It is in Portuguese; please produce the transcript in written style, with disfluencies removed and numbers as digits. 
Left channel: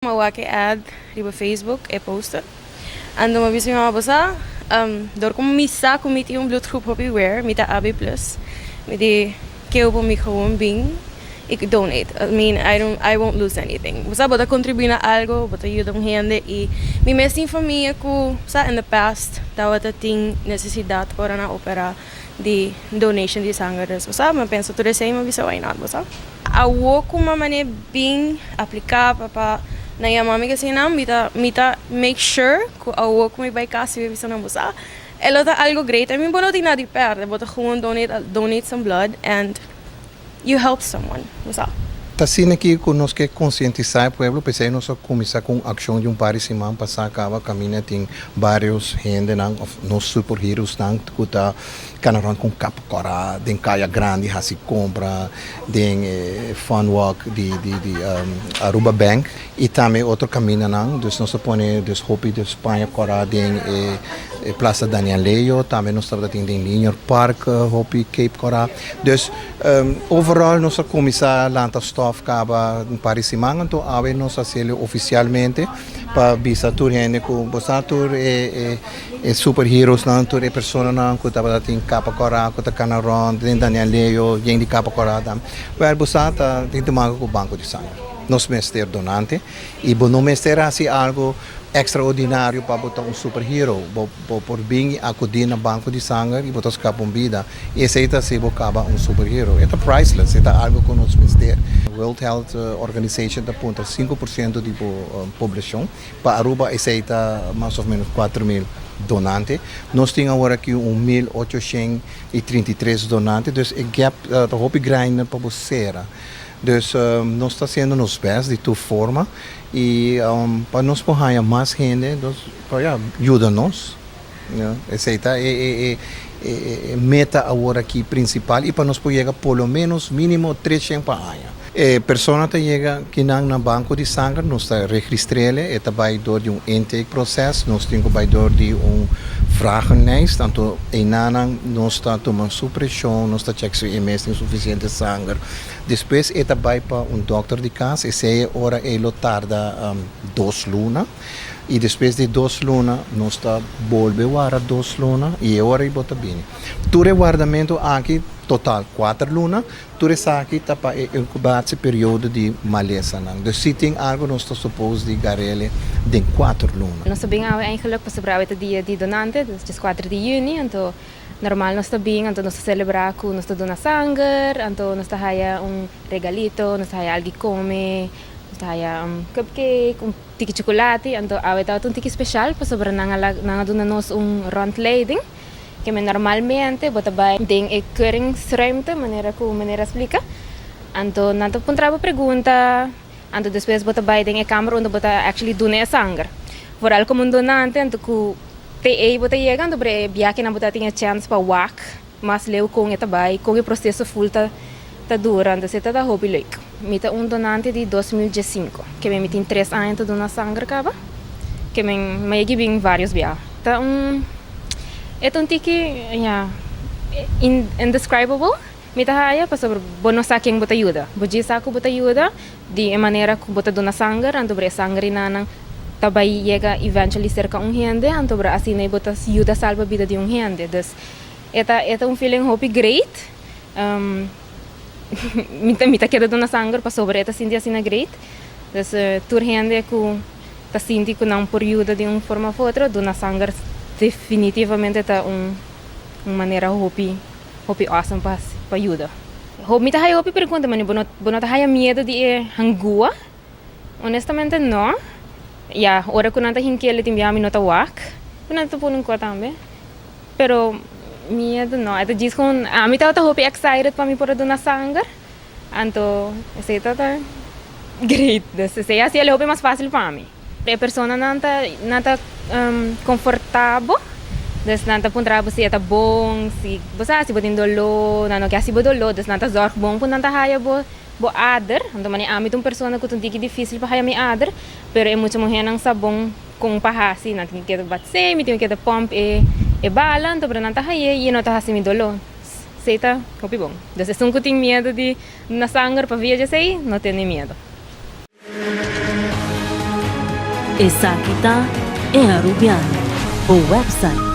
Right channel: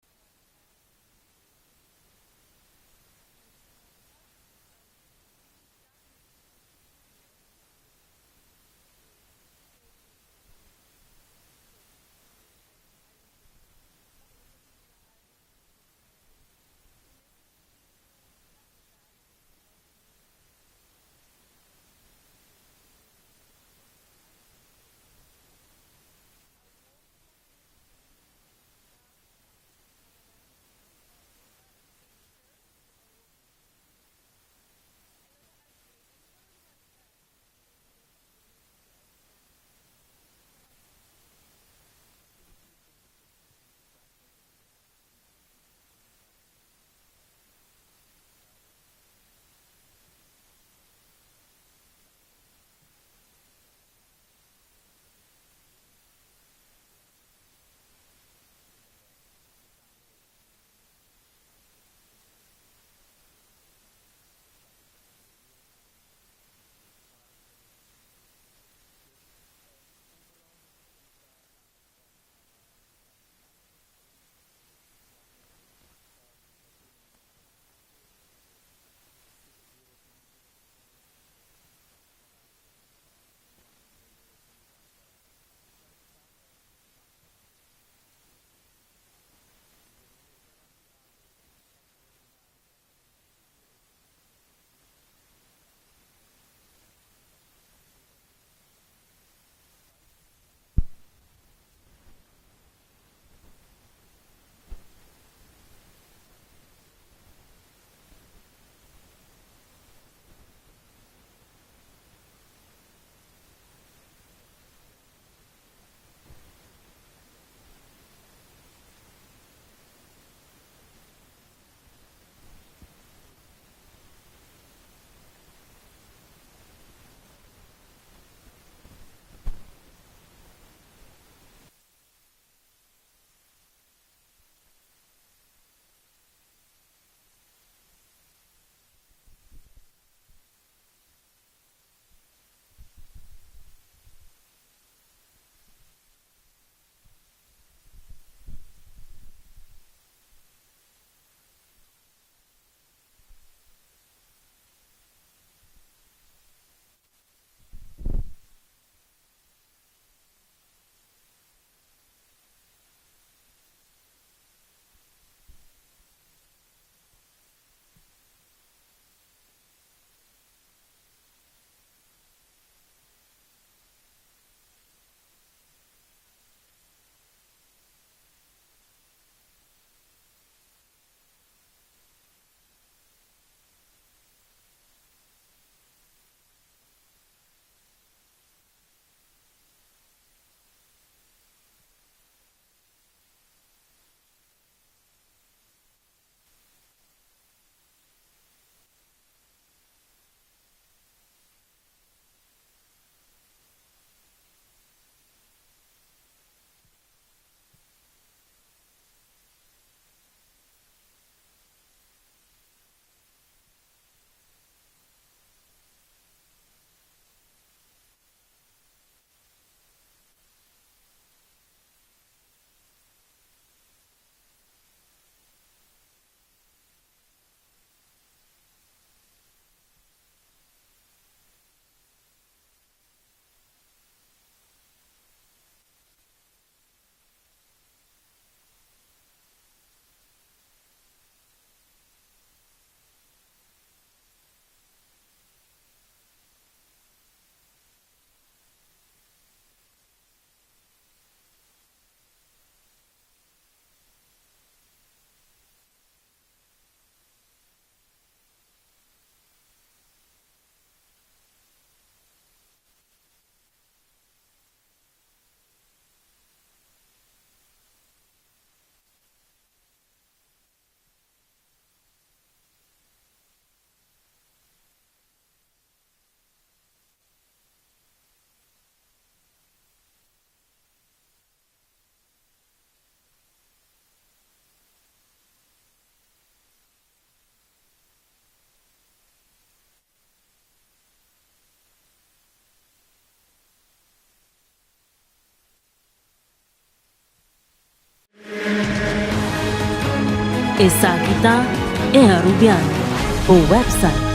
Mawake ad riba Facebook e posta. Ando mabisi mga basa. Door ko misa kumiti yung bloedgroep op wear, mita AB+. Miti keo po mi gewoon bing. Ik donate. I won't lose anything. Basta bota contribuir na algo, bota ayuda ng gente e mi mesting familia ko sa in the past tawat ating necesidad para na opera di donation di sangre. Basta mapenso to the same mabisa why not basta. Awo ko mamane bing aplicar para na ya mami kasi na mita make sure ko awo ko may kasi bisa na basta. Elo ta algo great. I mean bono di na di perde, bota gewoon donate some blood and you help someone. What's up? Assim aqui conosco que conscientizar o povo, pensei nós começar com ação de parecimento passar acaba caminha tem vários gente não nos superheroes não que tá canaran com capa cora, tem caia grande hasi compra, tem fun walk de Aruba Bank e também outro caminho não, dus nós põe dus hopi de Espanha cora tem Plaza Daniel Leo, também nós estamos tem Linear Park, hopi Cape cora, dus overall nós começar lá stof acaba parecimento então ave nós fazer oficialmente para bisa tur gente com bosatur e superheroes não tur e persona não que tava tem capa cora que tá canaron tem Daniel Leo gente capa cora tam per bosata tem tomar com o banco de sangue nós mestre donante e bono mestre assim algo extraordinário para botar superhero por bem acudir no banco de sangue e botar escapa vida e aceita se bocaba superhero é priceless é algo que nós mestre World Health Organization aponta 5% da população para Aruba aceita mais ou menos 4.000 donantes nós temos agora aqui 1.833 donantes então o gap está muito grande para você. Dus nós está sendo nos best de tua forma e para nós porrar mais gente, dus para ajuda-nos, essa é meta agora aqui principal e para nós poder pelo menos mínimo 300 para ano. Persona que chega que não na banco de sangue, nós está registrele, é vai door de intake processo, nós temos vai door de vragenlijst, tanto enanang nós está tomando supressão, nós está check se MS tem suficiente sangue. Depois é vai para doctor de casa, e se hora ele tarda 2 lunas. E depois de 2 lunas, nós está volve a 2 lunas e agora ele bota bem. Ture guardamento aqui total 4 lunas, ture aqui está para incubar esse período de maleza. Dus se tem algo nós está suposto de garele de 4 lunas. Nós também eigenlijk para celebrar o dia de donante, dus 4 de junho, então normal nós também, então nós celebrar com nós dona sangue, então nós haya regalito, nós haya algo come. Saya cupcake, tiki chocolate, anto awet un tiki special pa sobra nangaduna nos rondleiding que normalmente bota by ding e keuringsruimte maneira explica. Anto nanto puntraba pergunta, anto depois bota by ding e câmara onde bota actually dune sangue. Vooral como donante anto ku te bota chega anto bre biaki na bota tinha chance pa wak, mas leu com eta by com o processo full ta durante se tá hobby like. Mita donante de 2015, que me tem 3 anos de donar sangue acaba, que me giving vários via. Tá é tiki indescribable. Mita haya para sobre bono saking bota ajuda. Boji saco bota ajuda de maneira que bota donar sangue, anto bre sangue nanang tabay chega eventually cerca gente, anto bre assim ne bota ajuda salva vida de gente. Dus eta feeling hobby great. Mita queda dona sangue para sobre esta sinti assim na great. Dus tur gente que tá sinti que não por ajuda de forma ou outra, dona sangue definitivamente tá maneira hobby awesome para ajuda. Mita hay hobby pergunta mani bono tá hay medo de hangua. Honestamente não. Ya, ora que nanta hinkele timbia mi nota wak. Nanta punun ko tambe. Pero medo não, é diz com a mim tá hobby excited para mim por donar sangue. Anto, esse tá great. Esse assim é hobby mais fácil para mim. A pessoa nanta confortável. Dus nanta puntraba se tá bom, se você se botin dolo, não quer se bodolo, dus nanta zorg bom pun nanta haya bo ader. Anto mani ami tum persona que tiki difícil para haya mi ader, pero é muito morrer nang sabong kung pahasi natin kita batse, mi kita pump e bala, então para nanta haya e não tá hasi mi dolo. Seita, kopi bom. Dus se um tem medo de na sangue para viajar sei, não tem medo. Essa aqui tá é a Rubiano, o website